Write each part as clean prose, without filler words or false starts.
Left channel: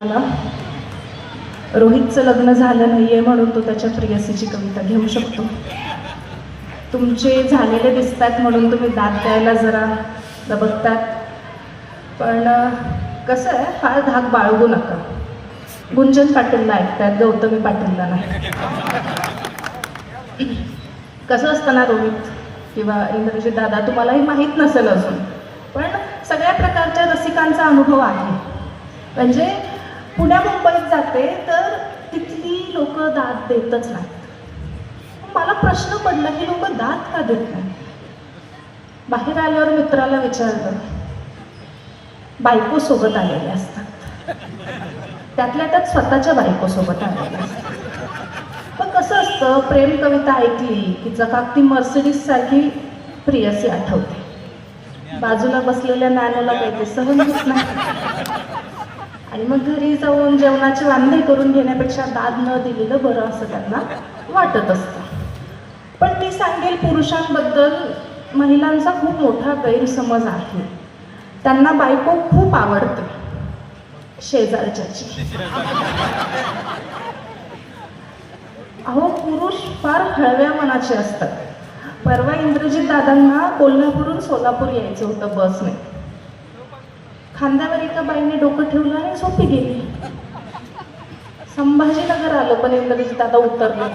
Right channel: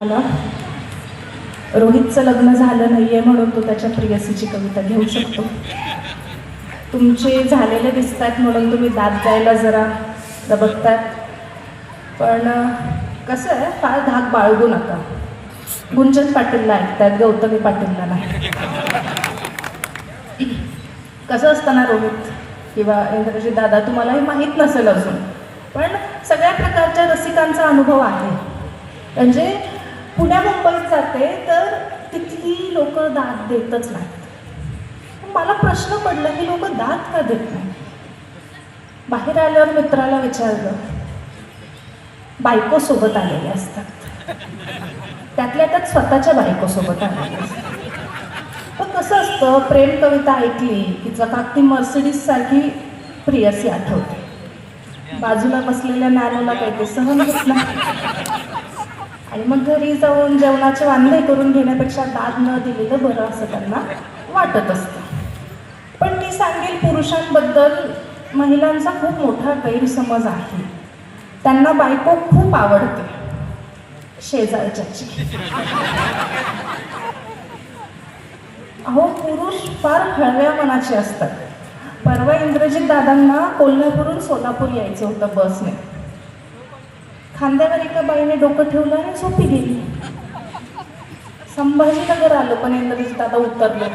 मला रोहितचं लग्न झालं नाहीये म्हणून तो त्याच्या प्रेयसीची कविता घेऊ शकतो. तुमचे झालेले दिसतात म्हणून तुम्ही दाद द्यायला जरा दबकतात. पण कसं आहे, फार धाक बाळगू नका. गुंजन पाटीलला ऐकतायत, गौतमी पाटीलला नाही. कसं असतं ना रोहित किंवा इंद्रजित दादा, तुम्हालाही माहीत नसेल अजून, पण सगळ्या प्रकारच्या रसिकांचा अनुभव आहे. म्हणजे पुण्या मुंबईत जाते तर तिथली लोक दाद देतच नाहीत. मला प्रश्न पडला, ही लोक दाद का देत नाही? बाहेर आल्यावर मित्राला विचारलं, बायको सोबत आलेले असतात, त्यातल्या त्यात स्वतःच्या बायको सोबत आलेले असतात. पण कसं असतं, प्रेम कविता ऐकली की चकाकती मर्सिडीज सारखी प्रियसी आठवते. बाजूला बसलेल्या नॅनोला काही ते सहन होत नाही आणि मग घरी जाऊन जेवणाचे वांदे करून घेण्यापेक्षा दाद न दिलेलं बरं असं त्यांना वाटत असतं. पण मी सांगेल, पुरुषांबद्दल महिलांचा खूप मोठा गैरसमज आहे. त्यांना बायको खूप आवडते, शेजारच्याची. अहो, पुरुष फार हळव्या मनाचे असतात. परवा इंद्रजित दादांना कोल्हापूरहून सोलापूर यायचं होतं बसने. खांद्यावर एका बाईने डोकं ठेवलं आणि झोपी गेली. संभाजीनगर आलं पण इंद्रजित दादा उतरले.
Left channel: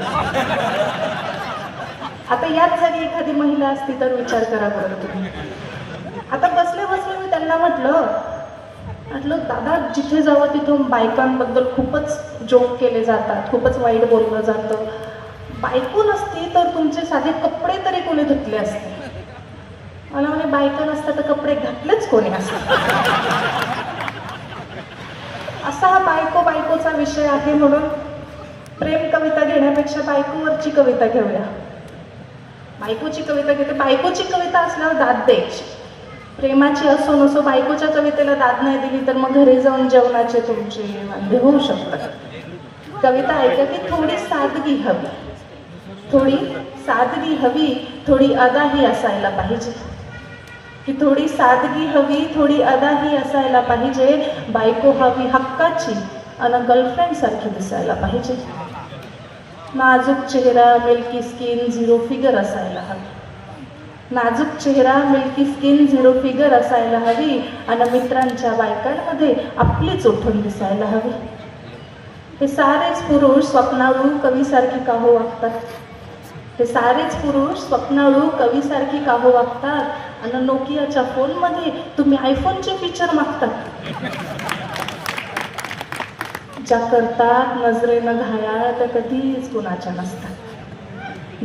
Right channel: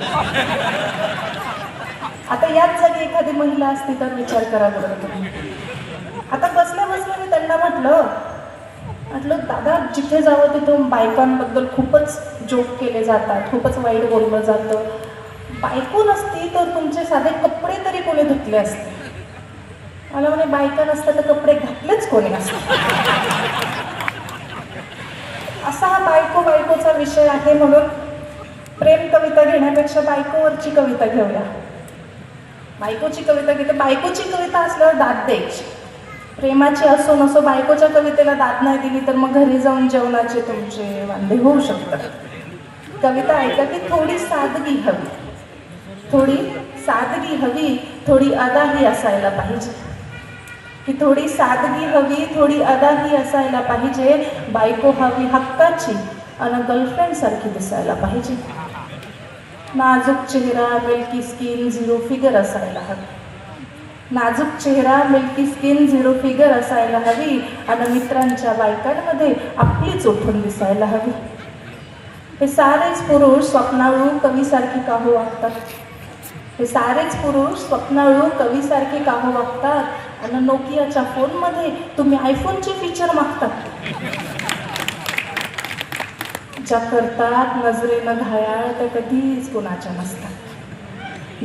आता याच जागी एखादी महिला असती तर विचार करा बरं तुम्ही. आता बसल्या बसल्या मी त्यांना म्हटलं दादा, जिथे जावं तिथून बायकांबद्दल खूपच जोक केले जातात, खूपच वाईट बोललं जातं. बायको नसती तर तुमचे साधे कपडे तरी कोणी धुतले असते. मला म्हणे, बायका नसतात तर कपडे घातलेच कोणी असते. असा हा बायकोचा विषय आहे. म्हणून प्रेम कविता घेण्यापेक्षा बायकोवरची कविता घेऊया. बायकोची कविता घेते. बायकोची कविता असल्यावर दाद द्यायची. प्रेमाची असो नसो, बायकोच्या कवितेला दाद नाही दिली तर मग घरी जाऊन जेवणाचे तुमचे वांदे होऊ शकतात. कविता ऐका की थोडी सादगी हवी, थोडी सादगी हवी, थोडी अदाही असायला पाहिजे. की थोडी सादगी हवी, थोडी अदाही असायला पाहिजे. बायको हवी हक्काची आणि गर्लफ्रेंड सारखी दिसायला पाहिजे. नाजूक चेहरा, मिल्की स्किन, झिरो फिगर असायला हवी. नाजूक चेहरा, मिल्की स्किन, झिरो फिगर असायला हवी आणि मित्रांच्या बायकांमध्ये आपलीच उठून दिसायला हवी. हे सारेच पुरुष स्वप्नाळू कवीसारखी का हो वागतात? हे सारेच पुरुष स्वप्नाळू कवीसारखी का हो वागतात आणि नोकियाच्या फोनमध्ये तुम्ही आयफोनचे फीचर मागतात? ज्या करतात नजरेनं घायाळ त्या कधीच कुणाच्या नसतात.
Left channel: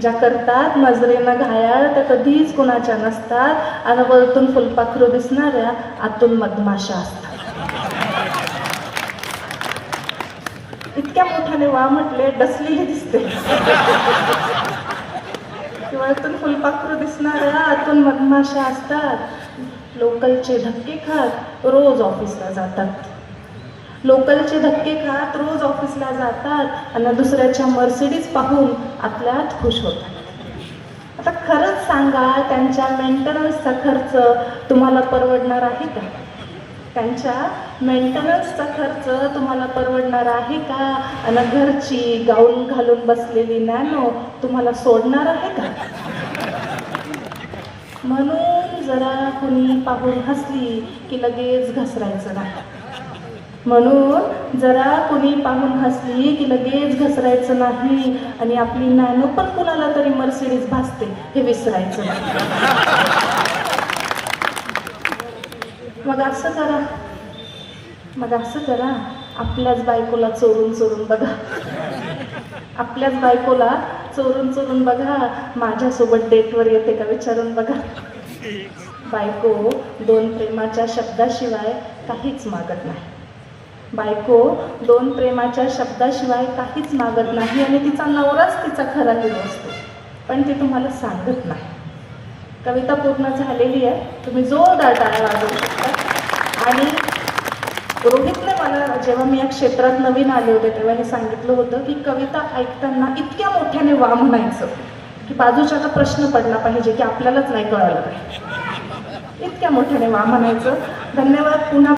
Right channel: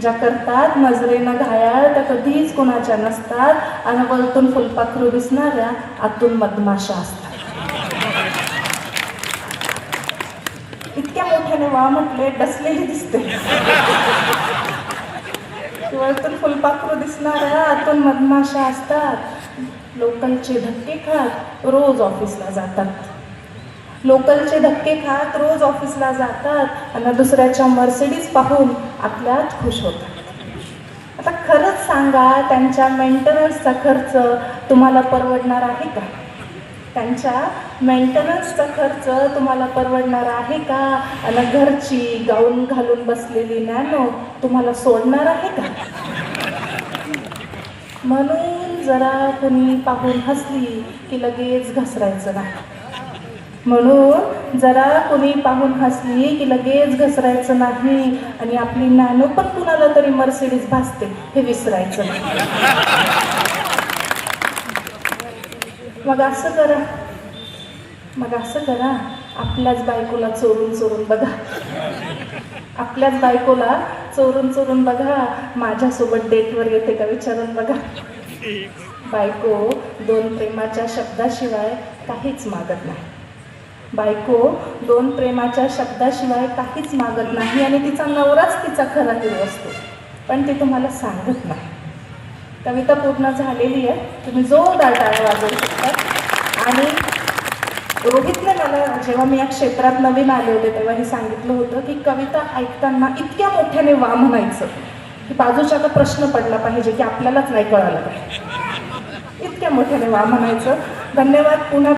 ज्या करतात नजरेनं घायाळ त्या कधीच कुणाच्या नसतात आणि वरतून फुलपाखरू दिसणाऱ्या आतून मधमाशा असतात. इतक्या मोठ्याने वा म्हटले, डसलेली दिसते. वरतून फुलपाखरू दिसणाऱ्या आतून मधमाशा असतात. लोकलचे धक्के खात रोज ऑफिसला जातात. लोकलचे धक्के खात रोज ऑफिसला जातात आणि दुसऱ्याच्या मर्सिडीज पाहून आतल्यात खुश होतात. आता खरंच सांगा, त्यांच्या मेंटेनन्सचा खर्च तुम्हाला परवडणार आहे का? त्यांच्या मेंटेनन्सचा खर्च तुम्हाला परवडणार आहे का? आणि घरची गाऊन घालून बसलेली नॅनो तुम्हाला सोडणार आहे का? म्हणून जरा कुणी पाहून हसली की लगेच घसरायचं नाही. म्हणून जरा कुणी पाहून हसली की लगेच घसरायचं नाही आणि आपली नॅनो पण कुणाला तरी मर्सिडीज भासते हे विसरायचं नाही. मग असं करा, आपल्याच बायकोला चोरून बघा. आपल्याच बायकोला चोरून बघा. माझ्यासोबत डेटवर येते का विचारून बघा. बायको दोन प्रेमाच्या शब्दाशिवाय काहीच मागत नाही. बायको दोन प्रेमाच्या शब्दाशिवाय काहीच मागत नाही आणि तिचा नवराच तिचा खरा हिरो असतो, पण ती तुम्हाला सांगत नाही. कविता पूर्ण झालेली आहे. तुम्ही जोरदार टाळ्या वाजवू शकता. आणि रोहितने मला, जेव्हा मी या क्षेत्रात नवीन आले होते तेव्हा हे सांगितलं होतं की कविता ऐकताना इतक्या मोठ्याने वा म्हणायचं की बाजूच्याचा प्रश्न पडला पाहिजे की आपल्यालाच नाही कळालं पाहिजे. इतक्या मोठ्याने वा म्हणायचं. धन्यवाद. पुन्हा